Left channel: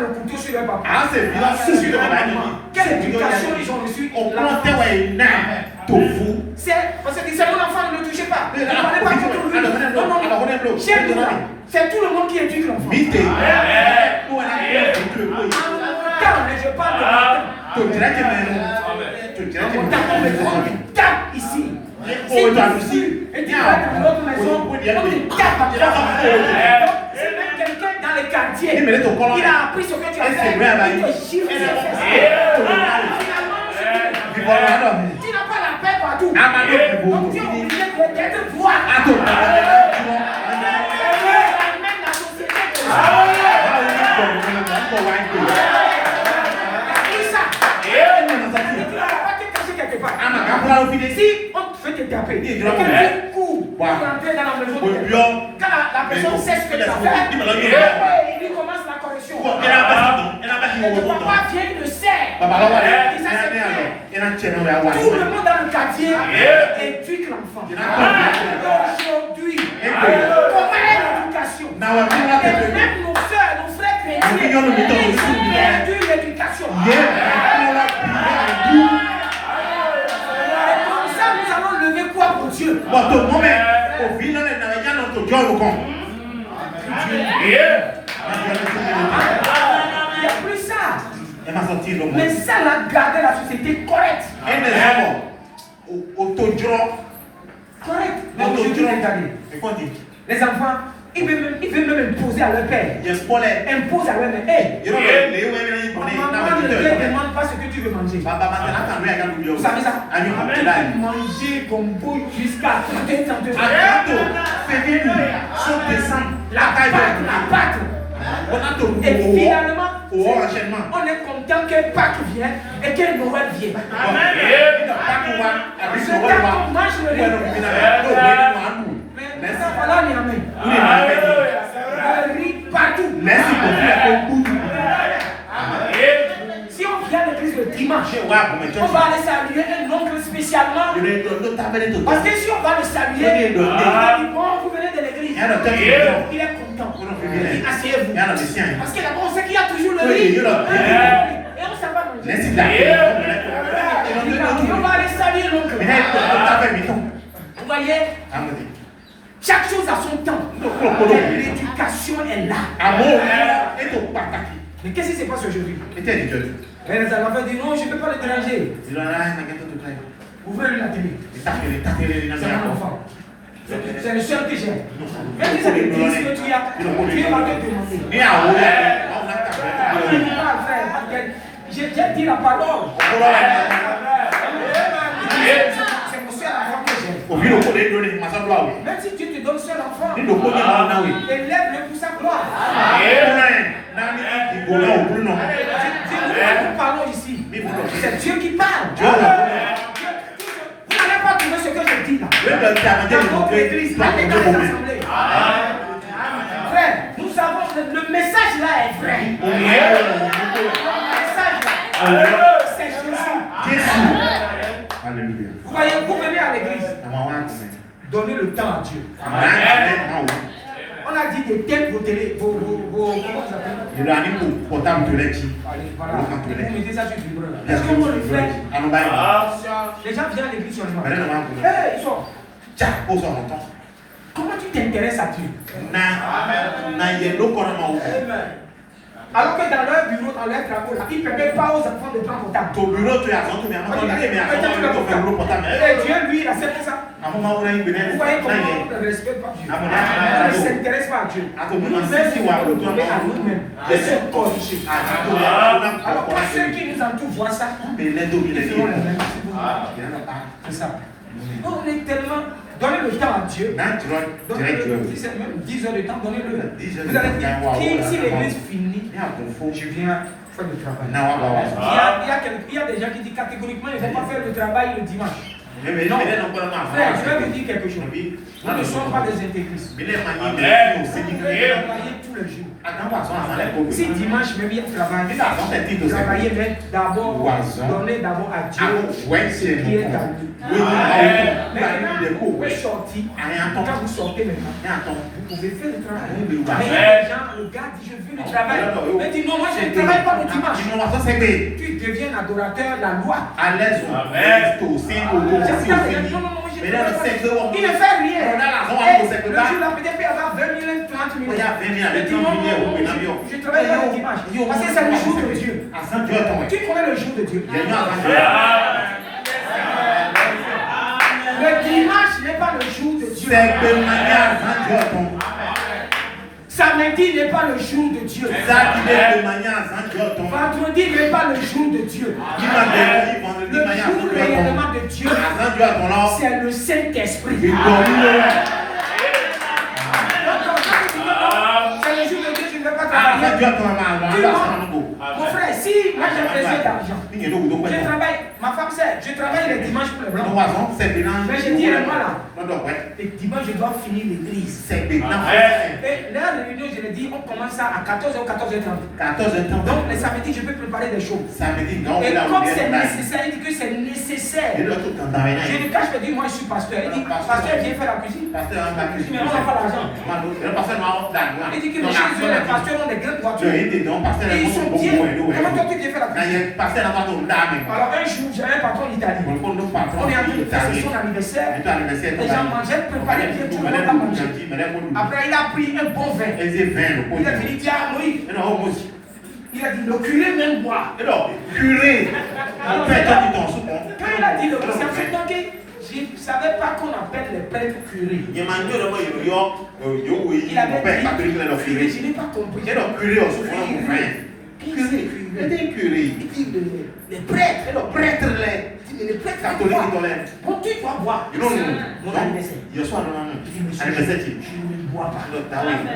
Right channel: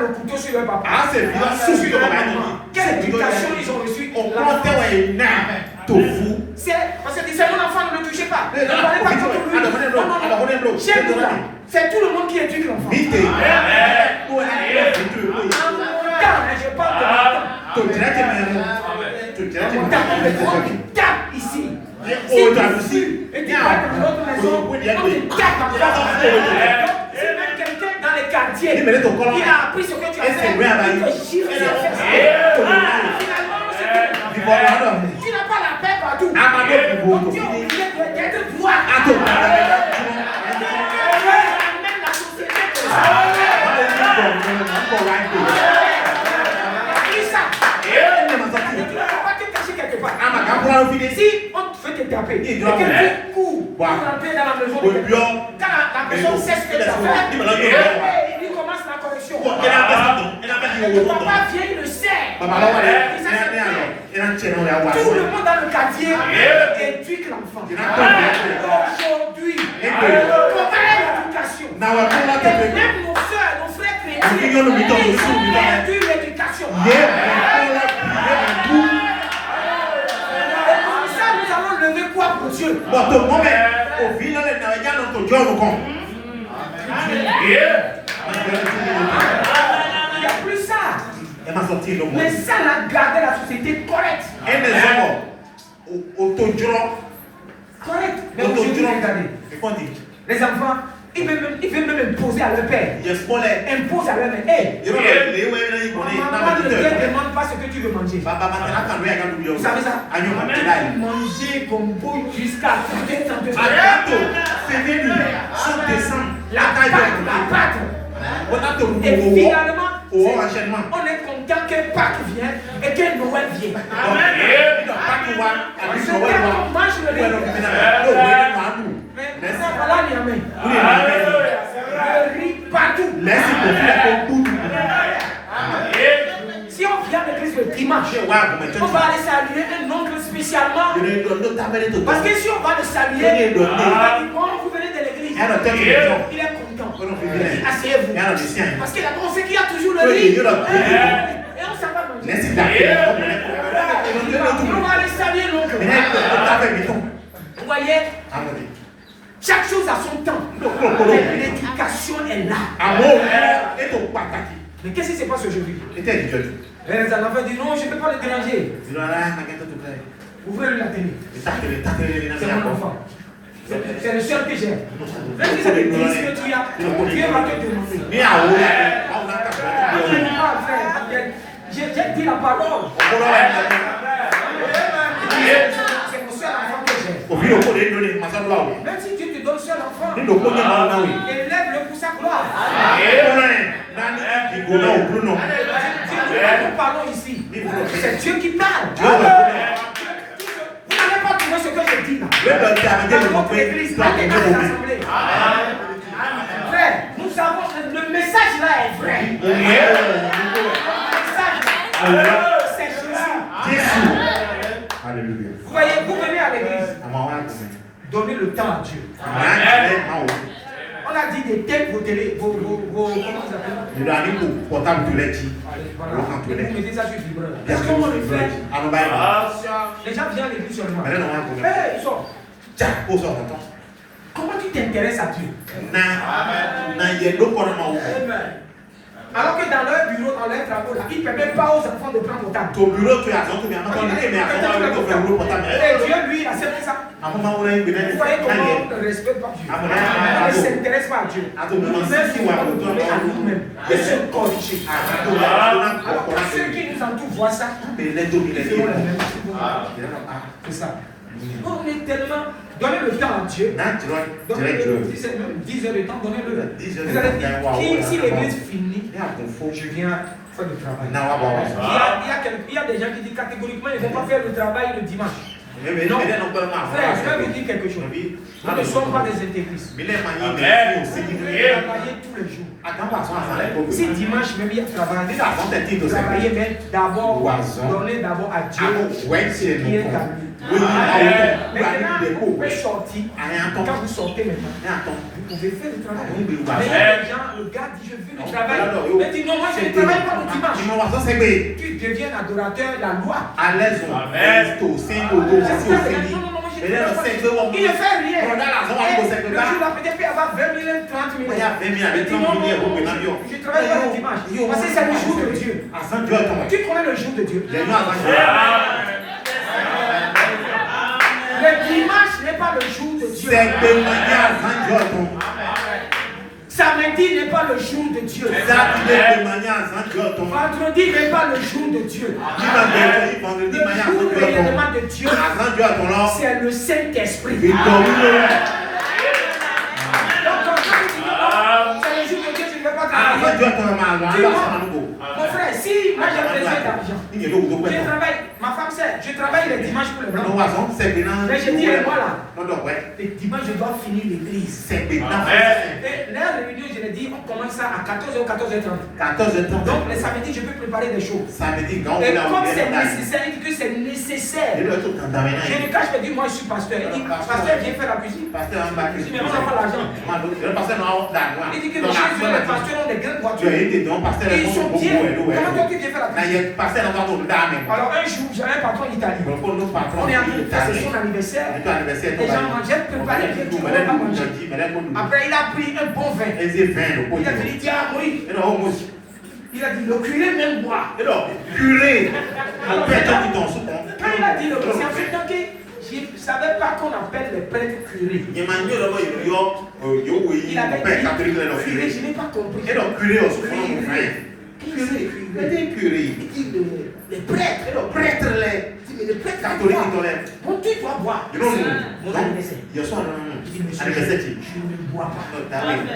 le couteau sur leur papa. Sur leur maman. Quelle éducation ils ont reçue? C'est parce que c'est mon enfant, ne le touchez pas. Ne parlez pas contre lui. Non. Chez nous, c'est tout le monde qui éduque l'enfant. En mon temps, mais je parle de mon temps. On tape ici. Si tu fuis et tu vas dans l'autre maison, on te tape en place. C'est même quelqu'un dans les quartiers. Il a appris ce que tu as fait. Il te chiffre sur les fesses. Finalement, tu n'as pas la paix partout. Donc tu es obligé d'être voir. Amène la société comme ça. Si on te fait te taper, et que tu cours pour rentrer dans la maison de quelqu'un, quand la personne sait ce que tu as fait, il commence la correction. Et ton papa vient, il le sert. Tout le monde dans le quartier éduque l'enfant. Aujourd'hui, comment est l'éducation? Et même nos soeurs, nos frères chrétiens, ils ont perdu l'éducation. Lever quoi pour Dieu? Il n'y a plus ça. Mais ça l'a gardé la société correcte. Correct. Mais aujourd'hui, regardez. Les enfants, ils veulent même imposer à leur père. Impose à leur mère. Hey, maman ne te demande pas ce que tu veux manger. Vous savez ça? Manger comme beau jusqu'à 32 ans. La pâte. Et finalement, on est content que Pâques vienne et que Noël vienne. Ce temps qu'on mange le riz. Mais ça va là, Niamey. Le riz partout. Si on vient à l'église le dimanche, on va aller saluer un oncle spécialement. Parce que si on va le saluer, il va dire bon, vous venez de l'église. Il est content. Asseyez-vous. Parce que d'abord, on sait qu'il y a toujours le riz. Et on s'en va manger. On va aller saluer l'oncle. Vous voyez? Chaque chose a son temps. L'éducation est là. Mais qu'est-ce qui se passe aujourd'hui? Les enfants disent non, je ne peux pas le déranger. Ouvrez-lui la télé. C'est mon enfant. C'est le seul que j'ai. Même si ça te dit ce que tu as, tu es marqué de demander. J'ai dit la parole. C'est mon seul enfant que j'ai. Même si tu te donnes seul enfant, élève-le pour sa gloire. Nous parlons ici. C'est Dieu qui parle. Vous n'allez pas trouver ce que je dis là. Dans votre église, allez dans les assemblées. Frère, nous savons que le message là est vrai. Le message là, c'est Jésus. Alléluia. Vous voyez, vous venez à l'église. Donnez le temps à Dieu. On a dit des têtes, vos télé, vos comment ça s'appelle? Voilà. Vous mettez ça sur le vibreur là. Est-ce qu'on le fait? Les gens viennent à l'église seulement. Hey, ils sont. Comment tu t'intéresses à Dieu? Alors que dans leur bureau, dans leur travaux, là, ils ne permettent pas aux enfants de prendre portable. Ton bureau, tu as Dieu, lui, il accepte ça. Vous voyez comment on ne respecte pas Dieu. On ne s'intéresse pas à Dieu. Nous-mêmes, si on va le donner à nous-mêmes et se corriger. Alors que ceux qui nous entourent voient ça, ils feront les mêmes. C'est ça. On est tellement. Donnez le temps à Dieu. Donnez-le. Si c'est même 10 heures de temps, donnez-le. Vous allez dire, si l'église finit, je viens faire le travail. Il y a des gens qui disent catégoriquement, il ne faut pas faire le travail le dimanche. Non, frère, je vais vous dire quelque chose. Nous ne sommes pas des intégristes. Vous travaillez tous les jours. Si dimanche même il y a travailler, mais d'abord, donner d'abord à Dieu ce qui est à lui. Maintenant, vous pouvez sortir. Quand vous sortez maintenant, vous pouvez faire le travail. Mais il y a des gens, le gars dit, je veux le travail. Mais dit, non, moi je ne travaille pas le dimanche. Tu deviens un adorateur, la loi. Il ne fait rien. Le jour là, peut-être il y avoir 20 000, 30 000. Mais dis non, je ne travaille pas le dimanche. Parce que c'est le jour de Dieu. Tu connais le jour de Dieu. Le dimanche n'est pas le jour de Dieu. Samedi n'est pas le jour de Dieu. Vendredi n'est pas le jour de Dieu. Le jour réellement de Dieu, c'est le Saint-Esprit. Donc quand tu dis non, c'est le jour de Dieu, tu ne veux pas travailler. Mon frère, si moi j'ai besoin d'argent, je travaille, ma femme sait, je travaille les dimanches pour les blancs. Mais je dis, moi là, les dimanches je dois finir l'église. Et la réunion, je l'ai dit, on commence ça à 14h ou 14h30. Donc les samedis, je peux préparer des choses. Et comme c'est nécessaire, il dit que c'est nécessaire. Je ne cache pas, dis moi je suis pasteur. Il dit, pasteur, viens faire la cuisine. Je dis, mais on n'a pas l'argent. Il dit que les pasteurs ont des grandes voitures. Et ils sont bien. Comment toi tu viens faire la cuisine? Alors un jour, j'avais un patron italien. On est en train de faire son anniversaire. Les gens mangeaient, préparé bien, tout le monde a mangé. Après, il a pris un bon vin. Il a dit, tiens, oui. Il a dit, le curé même boit. Curé. Quand il a dit le curé, je ne savais pas qu'on appelle les prêtres curés. Il avait dit curé, je n'ai pas compris. Qui c'est curé? Il dit les prêtres. Mais les prêtres catholiques, bon, tu dois boire. Mon anniversaire. Il dit, monsieur, je ne bois pas.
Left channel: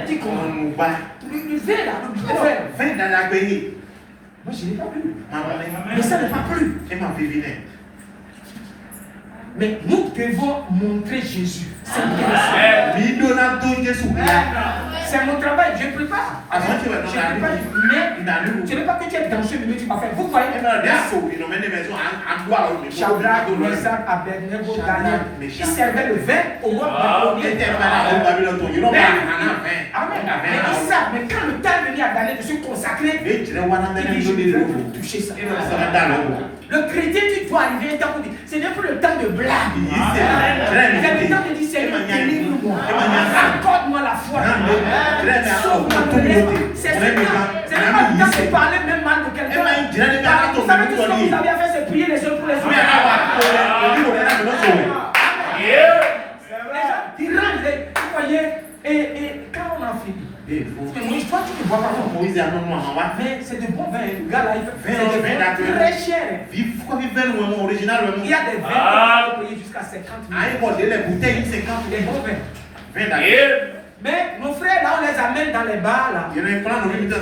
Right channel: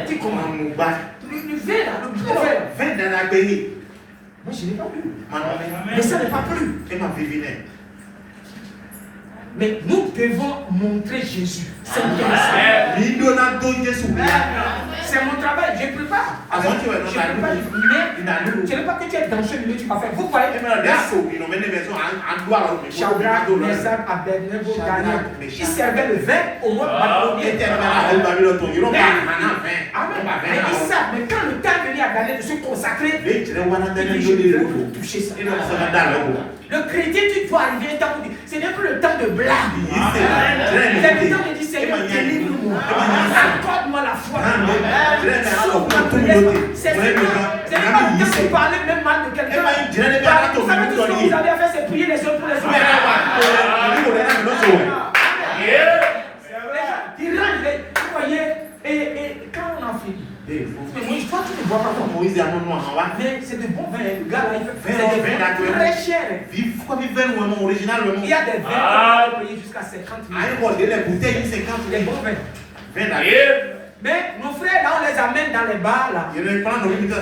Tu comment? Le vin là, le vin dans la bénie. Moi, je n'ai pas plu. Mais ça n'est pas plu. Mais nous devons montrer Jésus. C'est bien ça. C'est mon travail, je ne peux pas. Je ne peux pas. Mais ce n'est pas que tu es dans ce milieu, tu vas faire. Vous voyez, Shadrach, Meshach, Abednego, Daniel, ils servaient le vin au roi babylonien. Mais ils savent, mais quand le temps est venu à Daniel de se consacrer, il dit, je ne veux plus toucher ça. Le chrétien, tu dois arriver un temps où ce n'est plus le temps de blague. C'est le temps de dire, Seigneur, délivre-moi. Accorde-moi la foi. C'est ce n'est pas le temps de parler même mal de quelqu'un. Vous savez tout ce que vous avez à faire, c'est prier les uns pour les autres. Les gens, ils rentrent, vous voyez, et quand on a fini, mais Moïse, toi tu ne vois pas comment. Mais c'est de bons vins, le gars là, c'est des vins très chers. Il y a des vins qui peuvent payer jusqu'à 50 000. Des bons vins. Mais nos frères là, on les amène dans les bars là.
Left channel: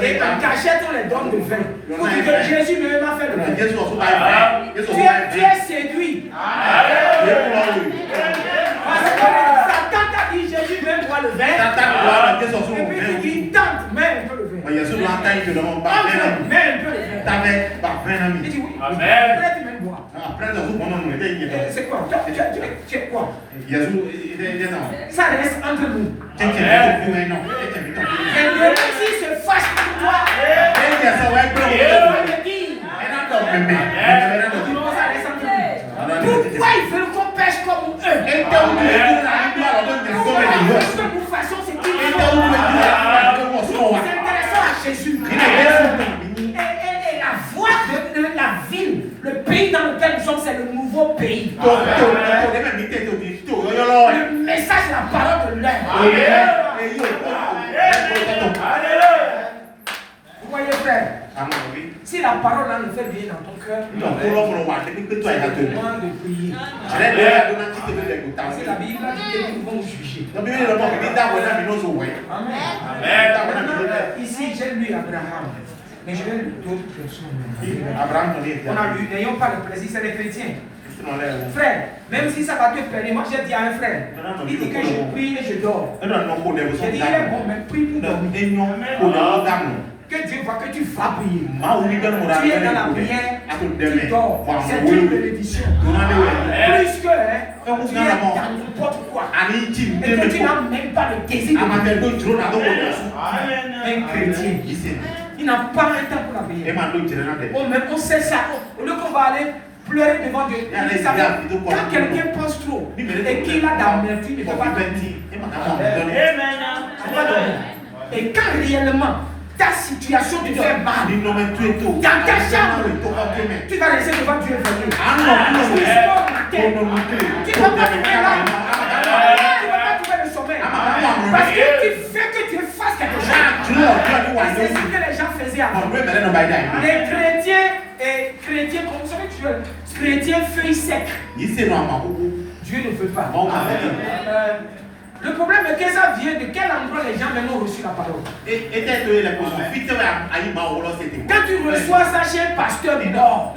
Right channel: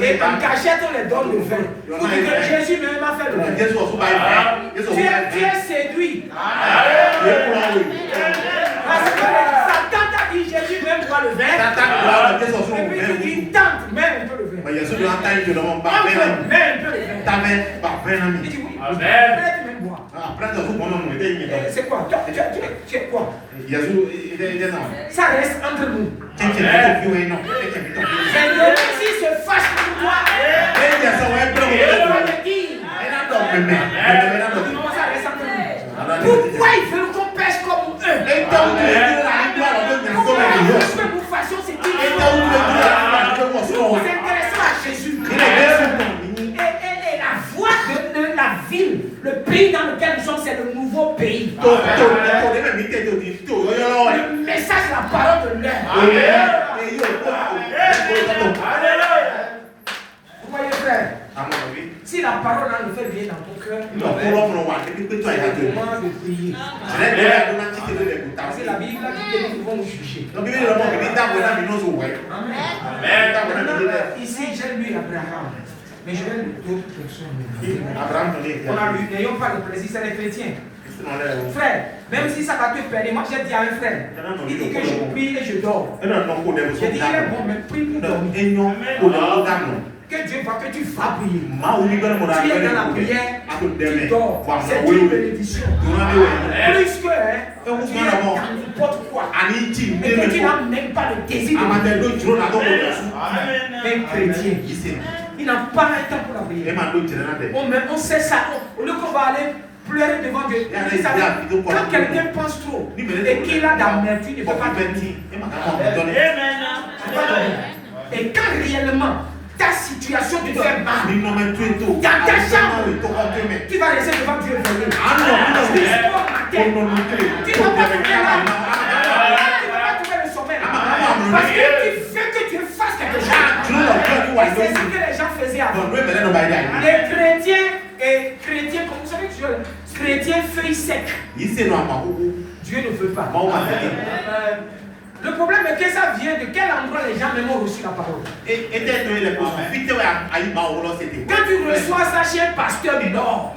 Et en cachette, on les donne le vin. Pour dire que Jésus lui-même a fait le vin. Tu es séduit. Parce que Satan t'a dit Jésus même boit le vin. Et puis tu dis tente, mets un peu le vin. Mets un peu le vin. Il dit oui. Après tu me bois. C'est quoi? Tu es quoi? Ça reste entre nous. Mais le Messie se fâche pour toi. Il va te dire. Ça reste entre nous. Pourquoi ils veulent qu'on pêche comme eux? Pourquoi ils veulent que nous fassions ce qu'ils font? Nous nous intéressons à Jésus. Et la voie de la ville, le pays dans lequel nous sommes, c'est le nouveau pays. Le message, la parole de l'heure. Vous voyez, frère? Si la parole là le fait bien dans ton cœur, tu as le moment de prier. C'est la Bible qui dit que nous pouvons juger. Amen. Ici, j'ai lu Abraham. Mais je vais lu d'autres personnes. On a lu, n'ayons pas le plaisir, c'est les chrétiens. Frère, même si ça va te perdre, moi j'ai dit à un frère, il dit que je prie et je dors. J'ai dit, il est bon, mais prie pour dormir. Que Dieu voit que tu vas prier. Tu es dans la prière, tu dors. C'est une bénédiction. Plus que tu es dans n'importe quoi. Et que tu n'as même pas le désir de un chrétien. Il n'a pas un temps pour la prière. On sait ça. Au lieu qu'on va aller pleurer devant Dieu. Quand quelqu'un pense trop et qu'il a d'amertume, il ne peut pas dormir. Et quand réellement ta situation te fait mal, dans ta chambre, tu vas rester devant Dieu veiller. Tu ne vas pas trouver l'âme. Tu ne vas pas trouver le sommeil. Parce que tu fais que tu fasses quelque chose. Et c'est ce que les gens faisaient avant. Les chrétiens et chrétiens, comme vous savez que chrétiens feuilles secs. Dieu ne veut pas. Le problème est que ça vient de quel endroit les gens maintenant ont reçu la parole. Quand tu reçois ça chez un pasteur nord,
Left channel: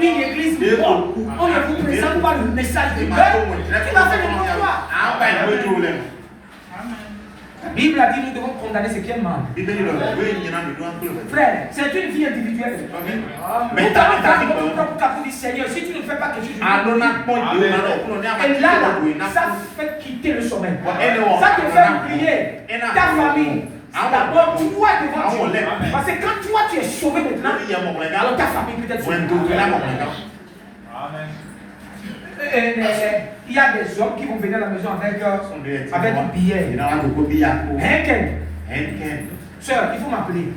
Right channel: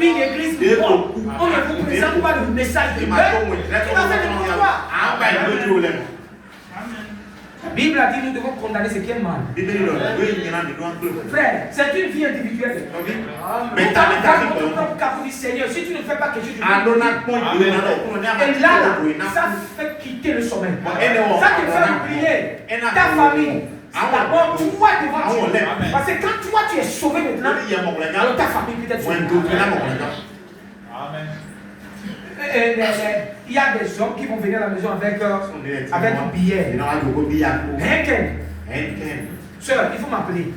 une église nord, on ne vous présente pas le message de Dieu, tu vas faire le quoi? La Bible a dit nous devons condamner ce qui est mal. Frère, c'est une vie individuelle. Mais tu dis Seigneur, si tu ne fais pas quelque chose, et là, ça fait quitter le sommeil. Ça te fait oublier ta famille. D'abord, toi devant Dieu. Parce que quand toi tu es sauvé maintenant, alors ta famille peut être sauvée. Il y a des hommes qui vont venir à la maison avec un billet. Henken. Sœur, il faut m'appeler.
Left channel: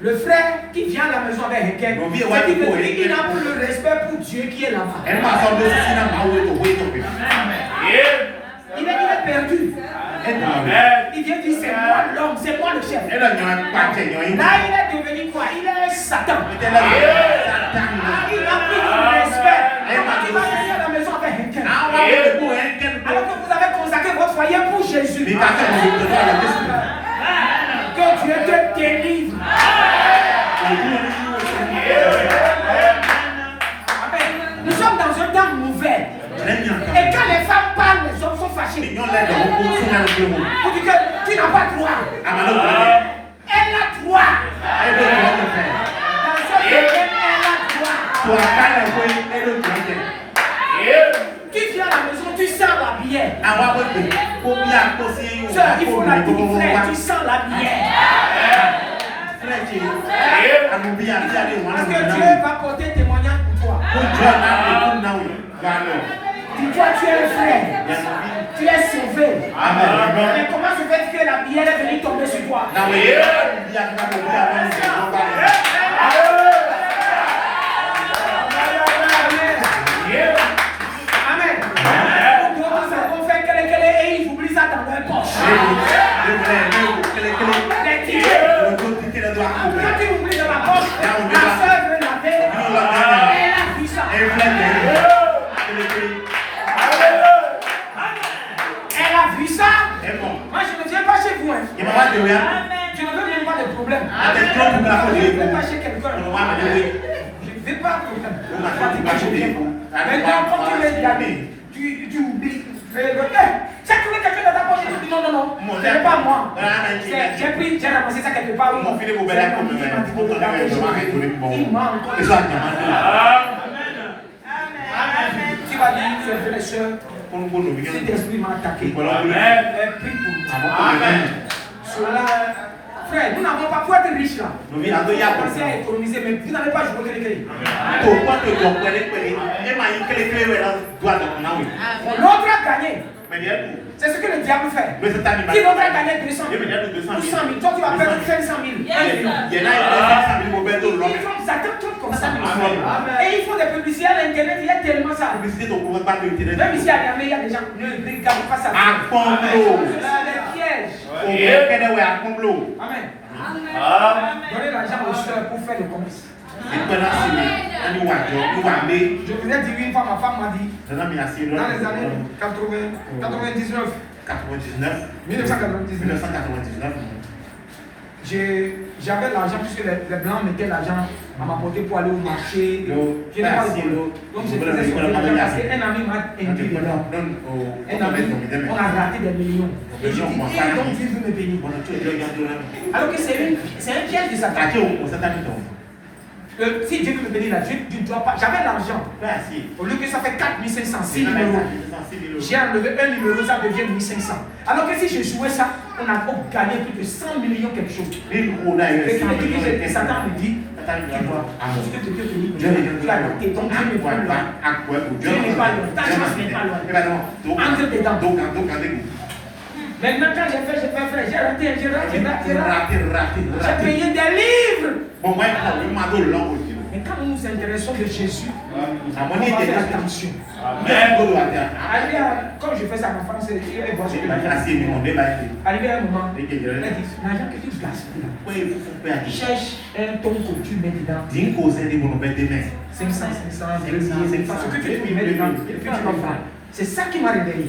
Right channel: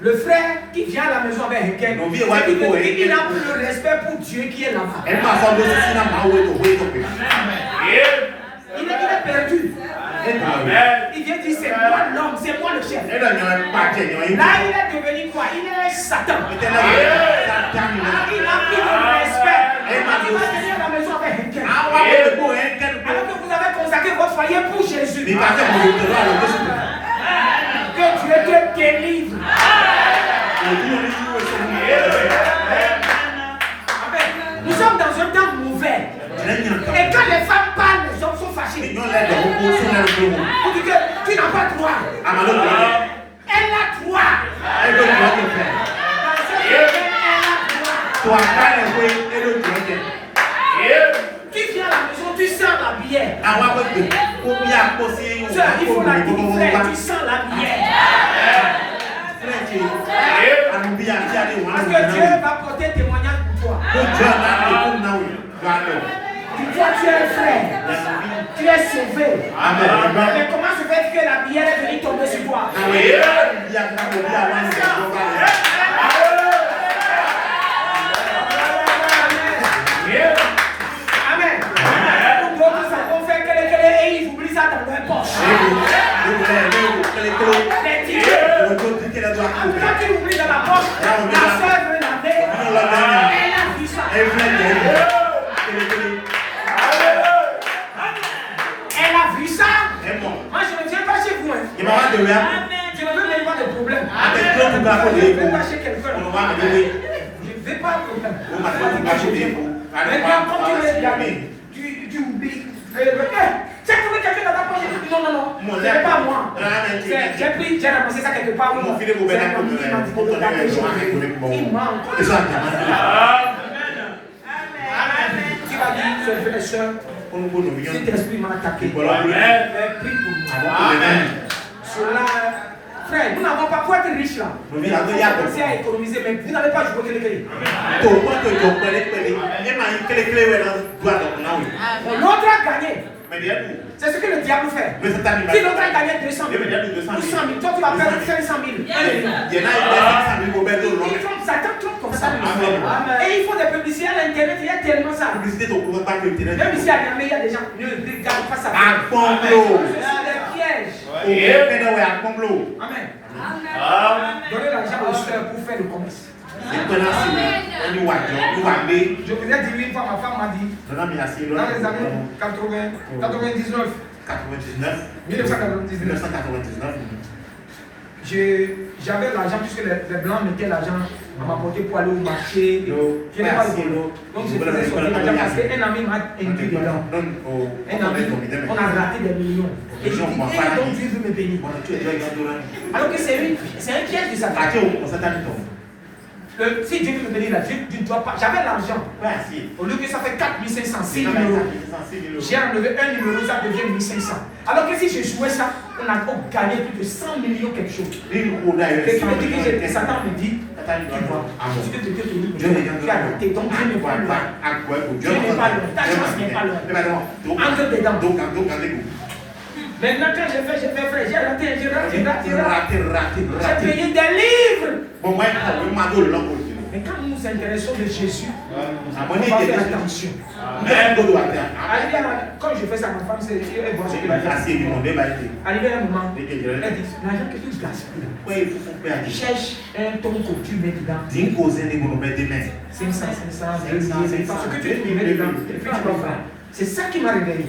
Le frère qui vient à la maison avec Henken, il n'a plus le respect pour Dieu qui est là-bas. Il est perdu. Il vient dire c'est moi l'homme, c'est moi le chef. Là il est devenu quoi? Il est Satan. Il n'a plus de respect. Comment tu vas venir à la maison avec Henken? Alors que vous avez consacré votre foyer pour Jésus. Que Dieu te délivre. Nous sommes dans un temps mauvais. Et quand les femmes parlent, les hommes sont fâchés. Vous dites que tu n'as pas droit. Elle a droit. Dans ce domaine, elle a droit. Tu viens à la maison, tu sens la bière. Sœur, il faut la dire, frère, tu sens la bière. Parce que Dieu va porter témoignage pour toi. Toi, tu es un frère. Tu es sauvé. Amen. Mais comment se fait que la bière est venue tomber sur toi? Amen. D'autres savons faire que et ils oublient ça dans leur poche. Les tickets. Quand tu l'oublies dans la poche, la soeur veut laver. Elle a vu ça. Elle a vu ça. Moi je ne viens pas chez vous. Je ne veux même pas de problème. Je ne vais pas chez quelqu'un. Je ne vais pas de problème. Maintenant quand tu veux y aller, tu oublies. C'est que quelqu'un dans ta poche. Non, ce n'est pas moi. J'ai pris, j'ai ramassé ça quelque part. Il manque. Tu vas dire, frères et sœurs, cet esprit m'a attaqué. Prie pour moi. Frère, nous n'avons pas pour être riches là. Nous avons commencé à économiser, mais vous n'avez pas joué les clés. L'autre a gagné. C'est ce que le diable fait. Si l'autre a gagné 200 000 ou 100 000, toi tu vas perdre 500 000. Ils font ça comme ça. Et ils font des publicités à l'internet, il y a tellement ça. Même ici à Niamey, il y a des gens qui ne regardent pas ça. C'est des pièges. Amen. Donnez l'argent aux soeurs pour faire le commerce. Je vous ai dit une fois, ma femme m'a dit, dans les années 1999, j'avais l'argent puisque les blancs mettaient l'argent à m'apporter pour aller au marché. Je n'ai pas le boulot. Donc je faisais sortir l'argent parce qu'un ami m'a induit dedans. Un ami, on a raté des millions. Et je dis, donc Dieu veut me bénir. Alors que c'est un piège de Satan. Si Dieu veut me bénir, tu ne dois pas. J'avais l'argent. Au lieu que ça fait 4500, 6 numéros. J'ai enlevé un numéro, ça devient 1500. Alors que si je jouais ça, on a gagné plus de 100 millions quelque chose. Et qui me dit que Satan me dit, tu vois, ce que Dieu te dit, tu as raté, donc Dieu n'est pas loin. Dieu n'est pas loin, ta chance n'est pas loin. Entre dedans. Maintenant, quand j'ai fait, frère, j'ai raté. J'ai payé des livres. Mais quand nous nous intéressons de Jésus, on va faire attention. Quand je fais ça à ma femme, elle voit ce que je fais. Arrivé à un moment, elle dit, l'argent que tu gaspilles là, cherche un tonko, tu mets dedans. 500, parce que tu mets dedans, et puis tu vas voir. C'est ça qui m'a réveillé.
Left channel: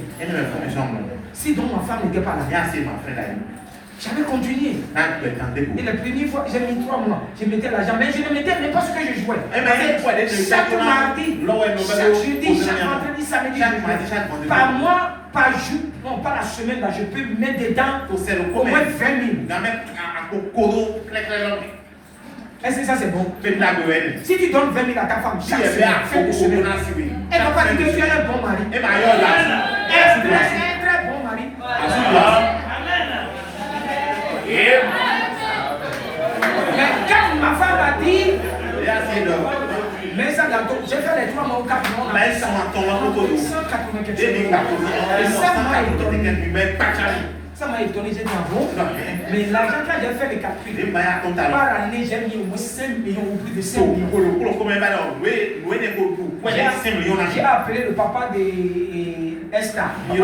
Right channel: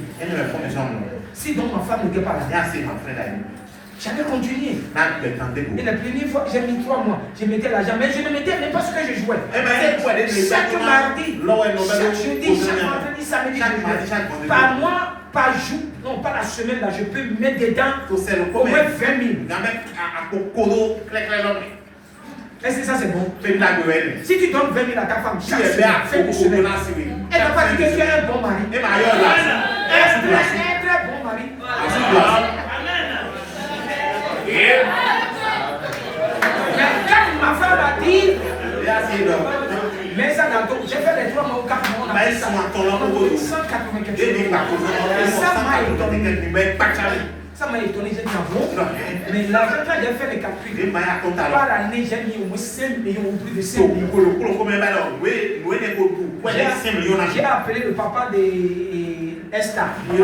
Si donc ma femme n'était pas là, j'avais continué. Et la première fois, j'ai mis 3 mois, je mettais l'argent, mais je ne mettais même pas ce que je jouais. Chaque mardi, chaque jeudi, chaque vendredi, samedi, par mois, par jour, non pas la semaine là, je peux mettre dedans au moins 20 000. Est-ce que ça c'est bon? Si tu donnes 20 000 à ta femme chaque semaine, elle ne va pas dire que tu es un bon mari. Un très bon mari. Mais quand ma femme a dit, mais ça j'ai fait les 3 mois au Cap, on a fait 180 quelque chose. Et ça m'a étonné. Ça m'a étonné, j'ai dit bon. Mais l'argent, quand j'ai fait les calculs, par année, j'ai mis au moins 5 millions ou plus de 5 millions. J'ai appelé le papa de Esther. Je l'ai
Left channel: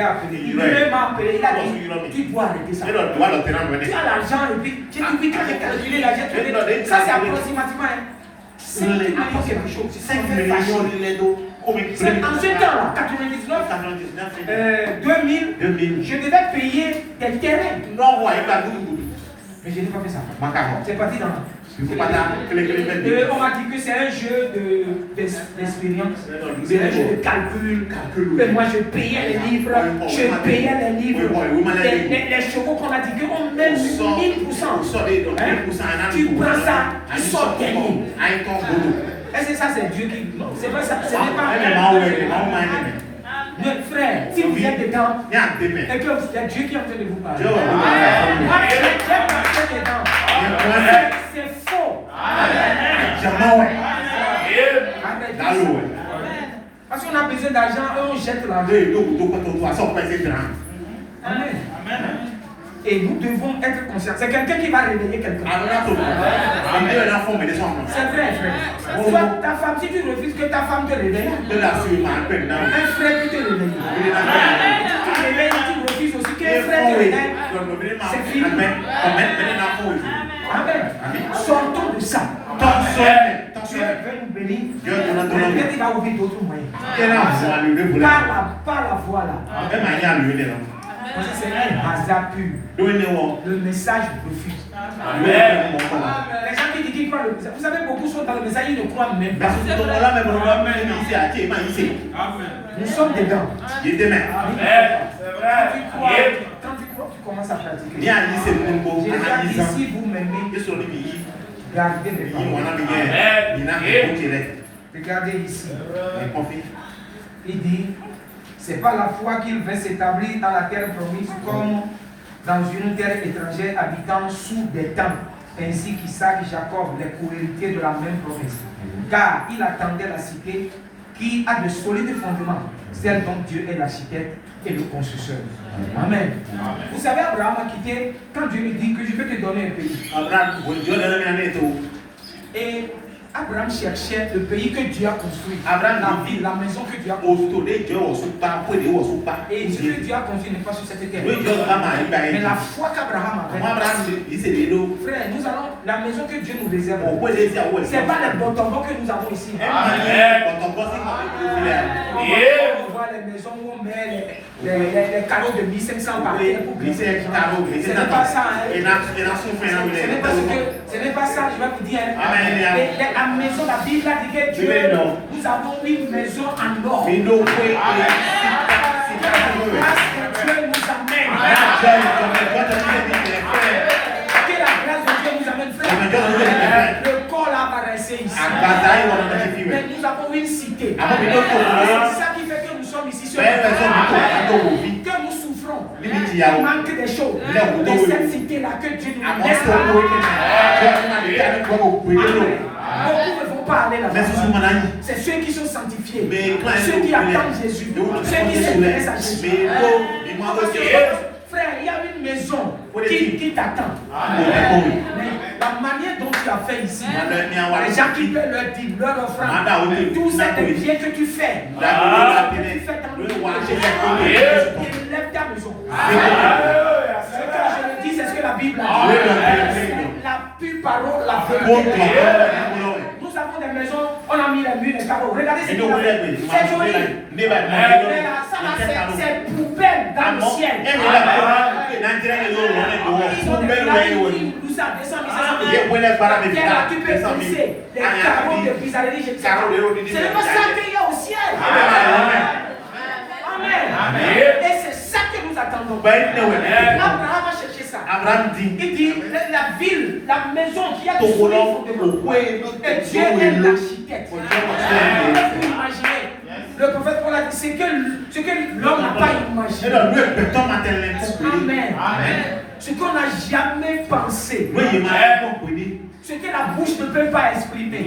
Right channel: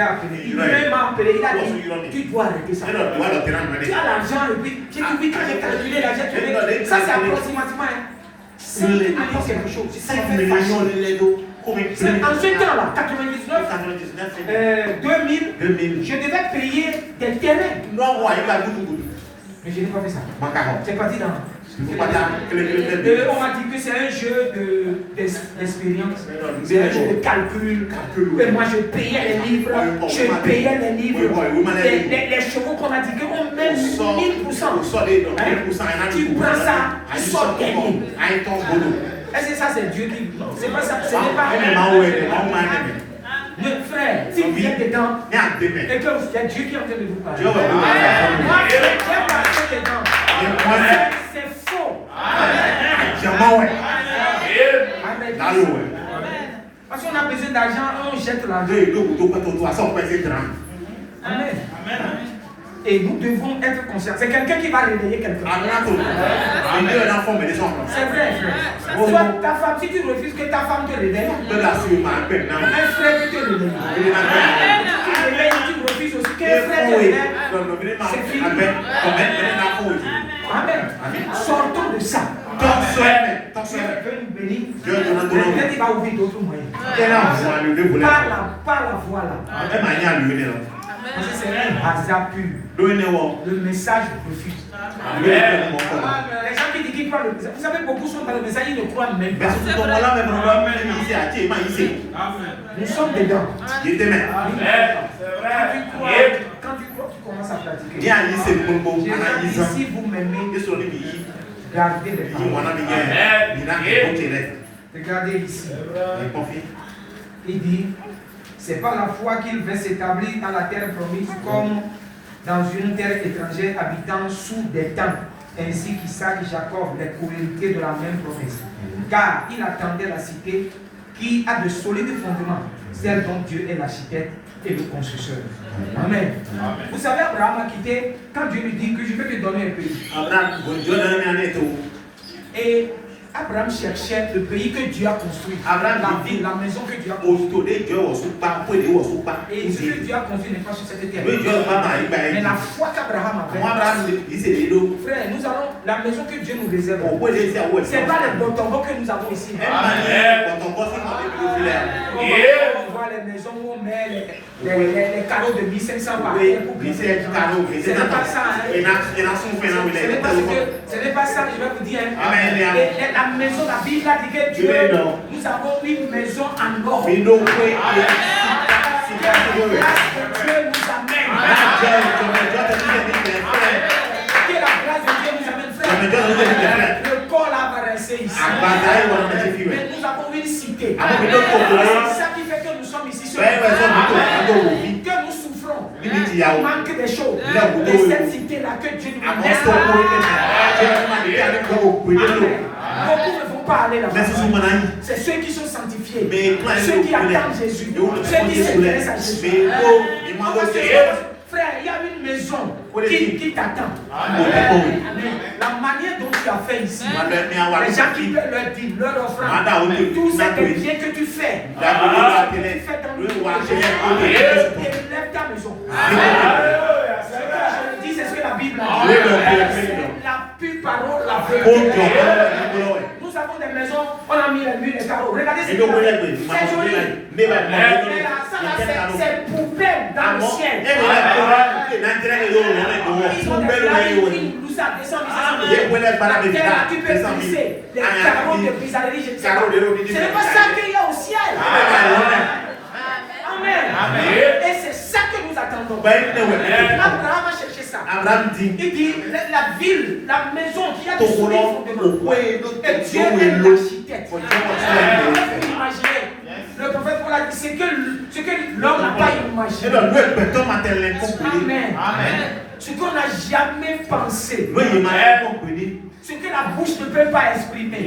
appelé. Il m'a appelé, il a dit, tu dois arrêter ça. Tu as l'argent et puis, j'ai dit oui, quand j'ai calculé l'argent, ça c'est approximativement 5 millions quelque chose. 5 millions. C'est en ce temps-là, 99, 2000, je devais payer des terrains. Mais je n'ai pas fait ça. C'est parti dans. On m'a dit que c'est un jeu d'expérience, c'est un jeu de calcul. Et moi je payais les livres, les chevaux qu'on a dit qu'on met 1000%. Tu prends ça, tu sors gagné. Est-ce que ça c'est Dieu qui. Non, c'est pas ça, ce n'est pas. Mais frère, si vous êtes dedans, et que c'est Dieu qui est en train de vous parler. Moi, je vais passer dedans. C'est faux. Parce qu'on a besoin d'argent, on jette l'argent. Amen. Et nous devons être conscients. C'est quelqu'un qui va réveiller quelqu'un. C'est vrai, frère. Soit ta femme, si tu refuses que ta femme te réveille, un frère peut te réveiller. Tu réveilles, tu refuses aussi que un frère te réveille. C'est fini. Amen. Sortons de ça. Dieu veut nous bénir. Peut-être qu'il va ouvrir d'autres moyens. Par la voie là. Parce que c'est un hasard pur. Le message refuse. Les gens qui disent qu'ils croient le message. Vous savez, beaucoup sont dans le message, ils ne croient même pas. Nous sommes dedans. Quand tu crois, tu commences à pratiquer. Si vous m'aimez, gardez les paroles. Regardez ici. Il dit, c'est par la foi qu'il va s'établir dans la terre promise comme dans une terre étrangère habitant sous des tents, ainsi qu'Isaac et Jacob, les co-héritiers de la même promesse. Car il attendait la cité qui a de solides fondements, celle dont Dieu est l'architecte et le constructeur. Amen. Vous savez, Abraham a quitté quand Dieu lui dit que je vais te donner un pays. Et Abraham cherchait le pays que Dieu a construit. La ville, la maison que Dieu a construite. Et ce que Dieu a construit n'est pas sur cette terre. Mais la foi qu'Abraham avait. Frère, nous allons, la maison que Dieu nous réserve. Ce n'est pas les botombos que nous avons ici. voir les maisons où on met les carreaux de 1500 par terre pour glisser les gens. Ce n'est pas ça. Ce n'est pas ça, je vais vous dire. Et la maison, la Bible a dit que Dieu, nous avons une maison en or. Que la grâce de Dieu nous amène. Que la grâce de Dieu nous amène, frère. Le corps là va rester ici. Mais nous avons une cité. C'est ça qui fait que nous sommes ici sur que nous souffrons. Il manque des choses. Mais cette cité-là que Dieu nous laisse beaucoup ne vont pas aller là-bas. C'est ceux qui sont sanctifiés. Ceux qui attendent Jésus. Ceux qui s'intéressent à Jésus. Frère, il y a une maison qui t'attend. La manière dont tu as fait ici, les gens qui peuvent leur dire, leur offrande, tout ça que bien que tu fais, dans le élève ta maison. Ce que je dis, c'est ce que la Bible a dit. C'est la pure parole, la vérité. Nous avons des maisons, on a mis les murs, les carreaux. Regardez ce qu'il a fait. C'est joli. C'est poubelle dans le ciel. Ils ont des laïcs, nous ça descend, tu peux briser les carreaux de brisaderie. Ce n'est pas ça qu'il y a au ciel. Amen. Et c'est ça que nous attendons. Abraham a cherché ça. Il dit la ville, la maison qui a des solides fondements. Et Dieu est l'architecte. Vous imaginez. Le prophète Paul a dit ce que l'homme n'a pas imaginé. Amen. Ce qu'on n'a jamais pensé. Ce que la bouche ne peut pas exprimer.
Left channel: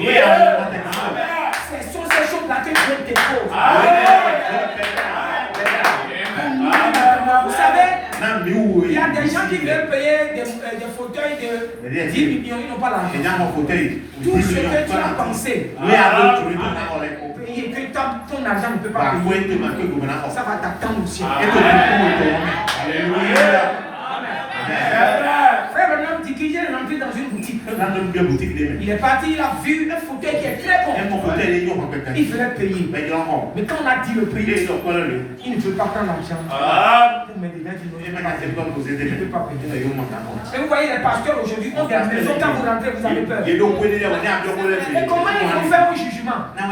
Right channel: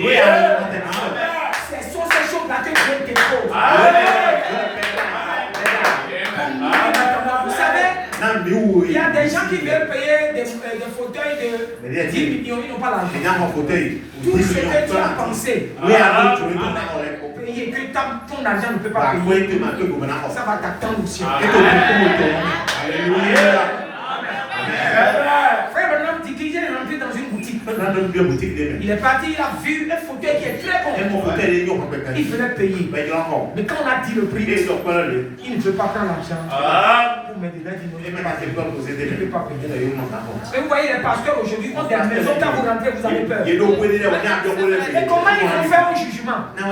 Ce sont ces choses-là que Dieu dépose. Vous savez, il y a des gens qui veulent payer des fauteuils de 10 millions, ils n'ont pas l'argent. Tout ce que tu as pensé, payer, que ton argent ne peut pas payer, ça va t'attendre au ciel. Alléluia. Frère Branham dit qu'il est rentré dans une boutique. Il est parti, il a vu un fauteuil qui est très bon. Il voulait payer. Mais quand on a dit le prix, il ne veut pas prendre l'argent pour m'aider. Il ne peut pas payer. Mais vous voyez, les pasteurs aujourd'hui ont des maisons. Quand vous rentrez, vous avez peur. Et comment ils vont faire un jugement? On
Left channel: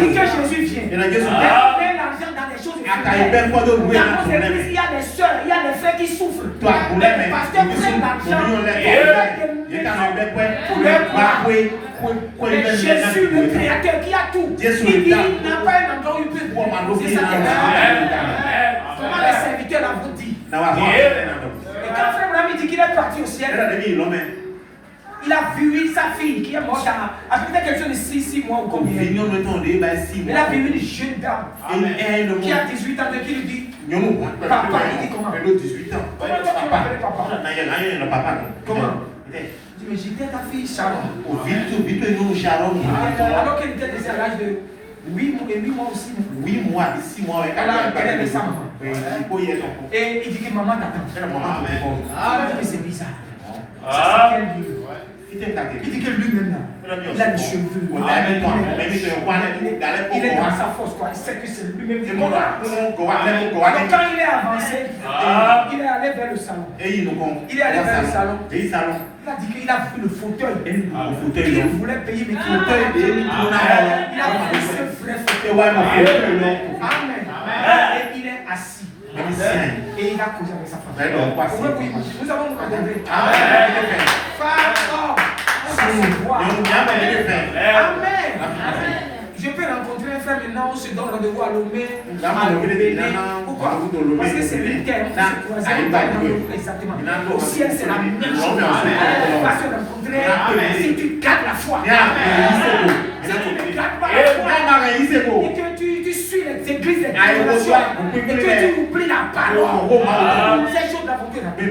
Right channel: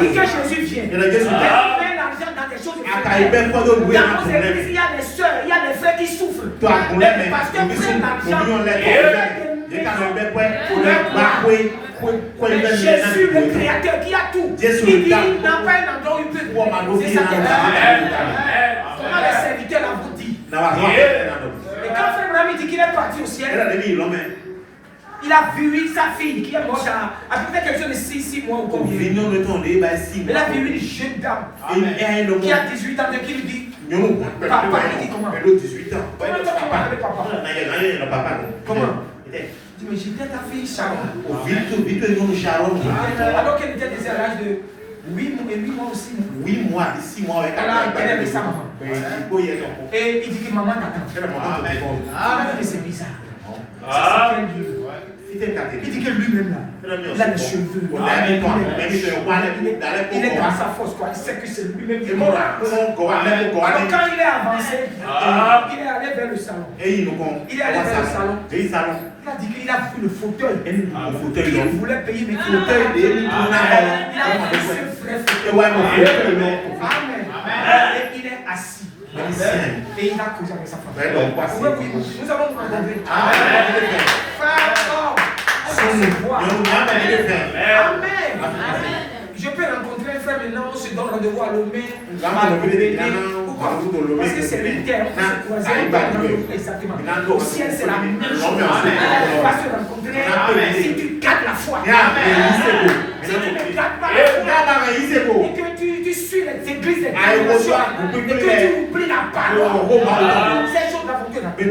dit que Jésus vient. Mais on met l'argent dans des choses. Dans nos églises, il y a des soeurs, il y a des frères qui souffrent. Les pasteurs prennent l'argent pour les Jésus, le Créateur qui a tout, il dit il n'a pas un endroit où il peut poser sa tête. Comment les serviteurs l'ont dit. Et quand Frère Branham dit qu'il est parti au ciel, il a vu sa fille qui est morte à peu près quelque chose de 6 mois ou combien. Il a vu une jeune dame qui a 18 ans qui lui dit papa, il dit comment? Comment toi tu m'appelles papa? Comment? Il dit mais j'étais ta fille Sharon. Alors qu'elle était déjà à l'âge de 8 mois ou 6 mois. 6 mois. Elle avait sa maman. Et il dit que maman t'attend. Mais c'est bizarre. C'est quel Dieu? Il dit que lui-même là, il a les cheveux. Il est dans sa force, quoi. Il sait que c'est lui-même qui est mort. Alors quand il est avancé, il est allé vers le salon. Il est allé vers le salon. Il a dit qu'il a vu le fauteuil. Il voulait payer, mais qu'il ne payait pas. Il a pris ce vrai fauteuil. Amen. Et il est assis. Et il a causé avec sa femme. Oui, nous avons rencontré. Femme, se voit. Amen. Je peux rencontrer un frère maintenant, on se donne rendez-vous à Lomé, à Lomé. Pourquoi? Parce que c'est une terre, on se croise, on va dans le exactement. Au ciel, c'est la même chose. Parce que rencontrer, si tu gardes la foi, si tu ne gardes pas la foi, et que tu suis les églises, les congrégations, et que tu oublies la parole, ces choses-là vont te rappeler.